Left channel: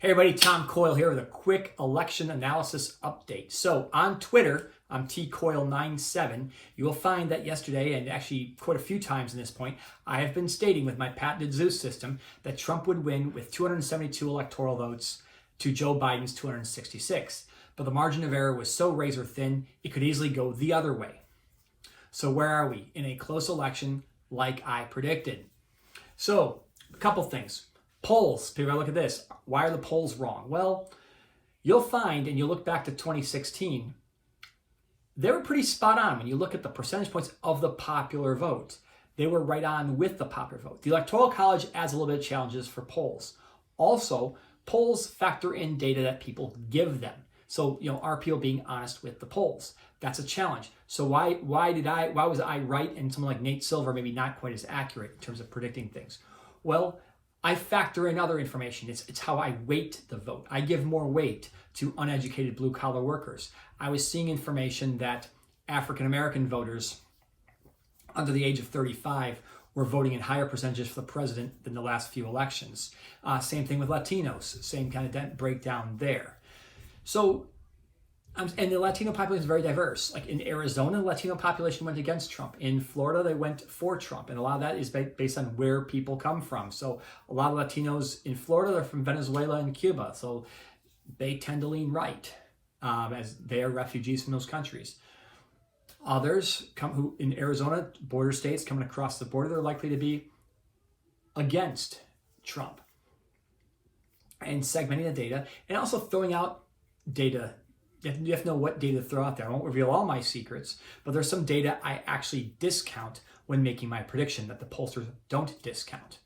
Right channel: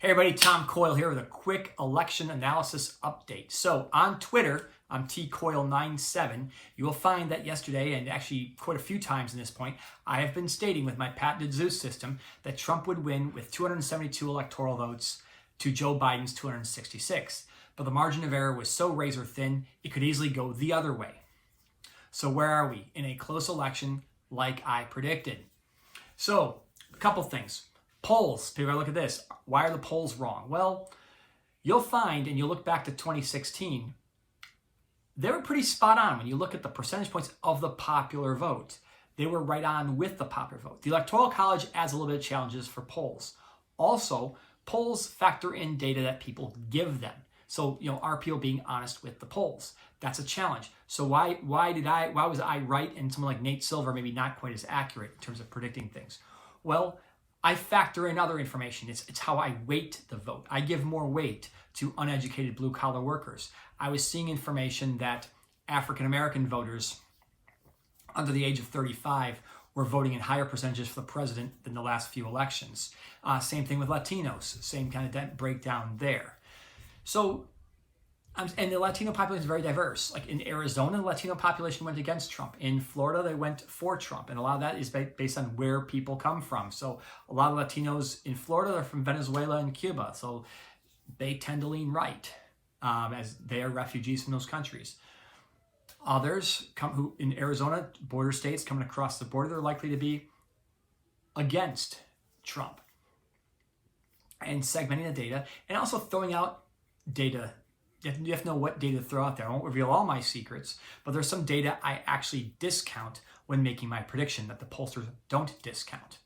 Hey everybody, Tom Coyle here with a quick election analysis update. So on Twitter, I'm tcoyle97. You will find that yesterday, and actually quite a few times in this point, I have been stating with my patented Zeus system that Trump would win with 272 electoral votes to Joe Biden's 266. But the margin of error was so razor thin, it could easily go the other way. So where are we? In a close election like I predicted. So a couple things. Polls, people look at this. Why are the polls wrong? Well, you'll find, and you look back to 2016, they were pretty spot on when you look at the percentage points of the popular vote. They were right on with the popular vote. The Electoral College adds a little bit of challenges for polls. Also, polls factor in data that people give them. So, are people being honest with the polls? That's a challenge. So why was I right and someone like Nate Silver maybe not quite as accurate in terms of predicting things? Well, I factor in other information. It's how I weight the vote. I give more weight to uneducated blue-collar workers. I was seeing information that African-American voters under the age of 35 were voting in higher percentages for the president than the last few elections. Same thing with Latinos. Same kind of breakdown there. So, and the Latino population is very diverse. Like in Arizona, the Latino population went against Trump. In Florida, they went for Trump. And a lot of that is based on where people come from. So a lot of Latinos in Florida are from Venezuela and Cuba. So they tend to lean right as they are refugees from those countries. Others who in Arizona, border states coming across the border, they're likely to be against Trump. And segmenting the data and also throwing out data. You have to know what data to throw out there. I won't reveal all my secrets, but there's some data I actually discount when making my prediction that the pollsters don't discount.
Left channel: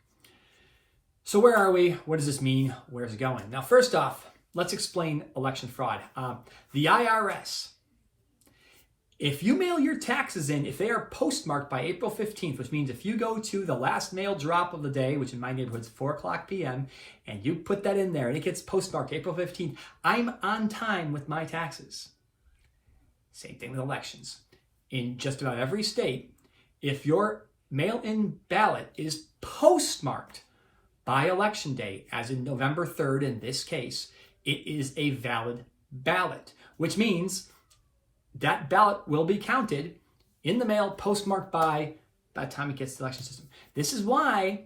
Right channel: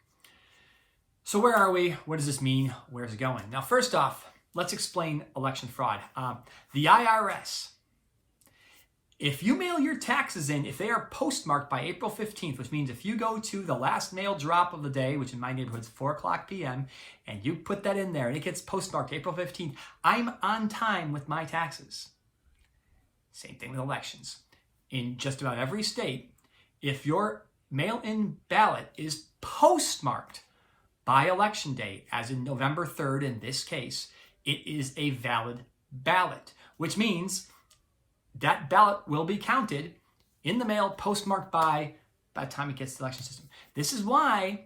So where are we? What does this mean? Where's it going? Now, first off, let's explain election fraud. The IRS, if you mail your taxes in, if they are postmarked by April 15th, which means if you go to the last mail drop of the day, which in my neighborhood is 4:00 p.m., and you put that in there and it gets postmarked April 15th, I'm on time with my taxes. Same thing with elections. In just about every state, if your mail-in ballot is postmarked by election day, as in November 3rd in this case, it is a valid ballot, which means that ballot will be counted in the mail postmarked by the time it gets to the election system. This is why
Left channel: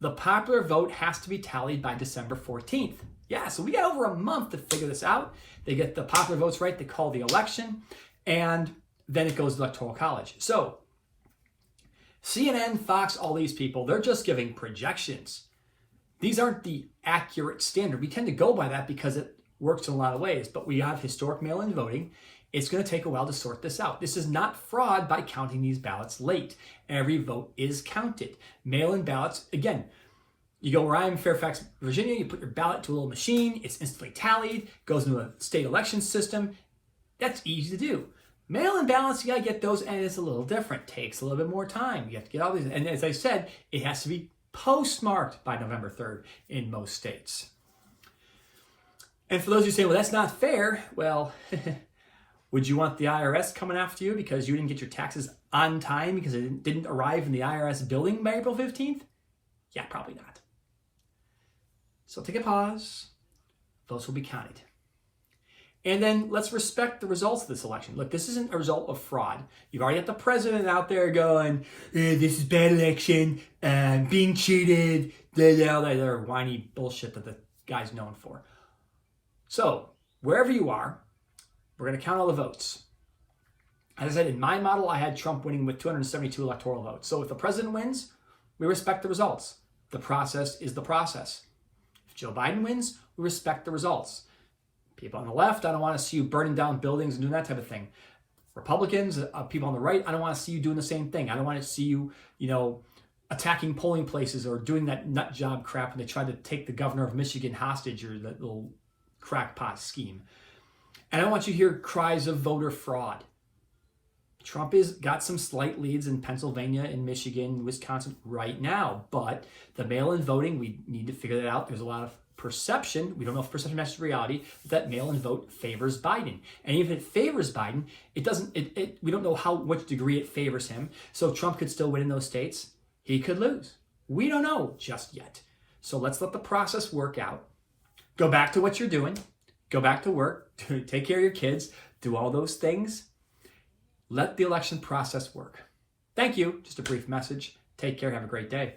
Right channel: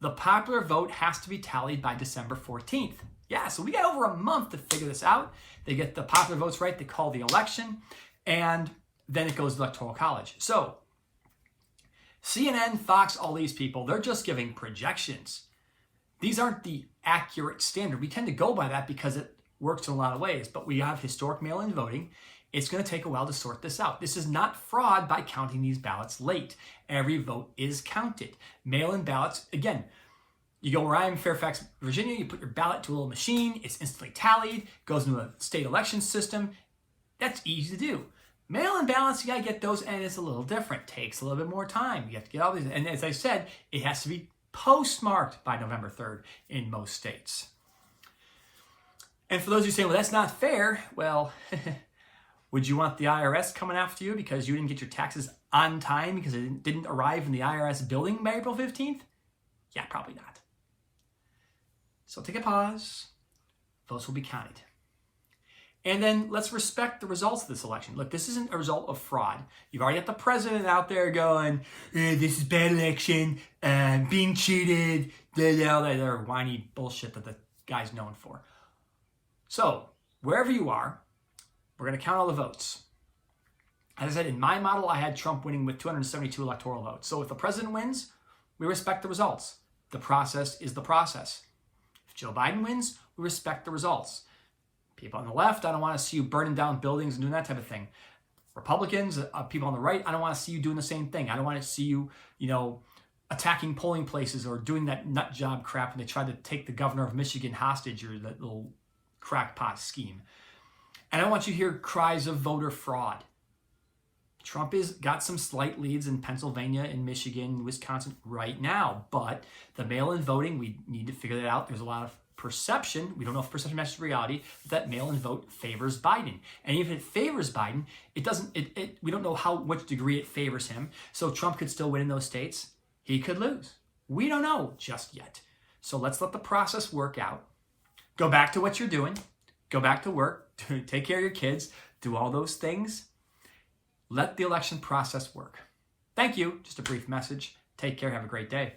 the popular vote has to be tallied by December 14th. Yeah, so we got over a month to figure this out. They get the popular votes right, they call the election, and then it goes to the Electoral College. So CNN, Fox, all these people, they're just giving projections. These aren't the accurate standard. We tend to go by that because it works in a lot of ways, but we have historic mail-in voting. It's going to take a while to sort this out. This is not fraud by counting these ballots late. Every vote is counted. Mail-in ballots, again, you go where I am, Fairfax, Virginia, you put your ballot to a little machine, it's instantly tallied, goes into a state election system. That's easy to do. Mail-in ballots, you got to get those, and it's a little different. Takes a little bit more time. You have to get all these, and as I said, it has to be postmarked by November 3rd in most states. And for those who say, well, that's not fair, well, would you want the IRS coming after you because you didn't get your taxes on time because it didn't arrive in the IRS building by April 15th? Yeah, probably not. So take a pause. Votes will be counted. And then let's respect the results of this election. Look, this isn't a result of fraud. You've already got the president out there going, this is bad election, being cheated, they're whiny bullshit that the guy's known for. So wherever you are, we're going to count all the votes. As I said, in my model, I had Trump winning with 272 electoral votes. So if the president wins, we respect the results. The process is the process. If Joe Biden wins, we respect the results. People on the left, I don't want to see you burning down buildings and doing that type of thing. Republicans, people on the right, I don't want to see you doing the same thing. I don't want to see you, attacking polling places or doing that nut job crap when they tried to take the governor of Michigan hostage or that little crackpot scheme. And I want you to hear cries of voter fraud. Trump has got some slight leads in Pennsylvania and Michigan, Wisconsin right now, but the mail-in voting, we need to figure that out. There's a lot of perception. We don't know if perception matches reality, that mail-in vote favors Biden. And even if it favors Biden, we don't know which degree it favors him. So Trump could still win in those states. He could lose. We don't know just yet. So let's let the process work out. go back to what you're doing, go back to work, take care of your kids, do all those things. Let the election process work. Thank you. Just a brief message. Take care. Have a great day.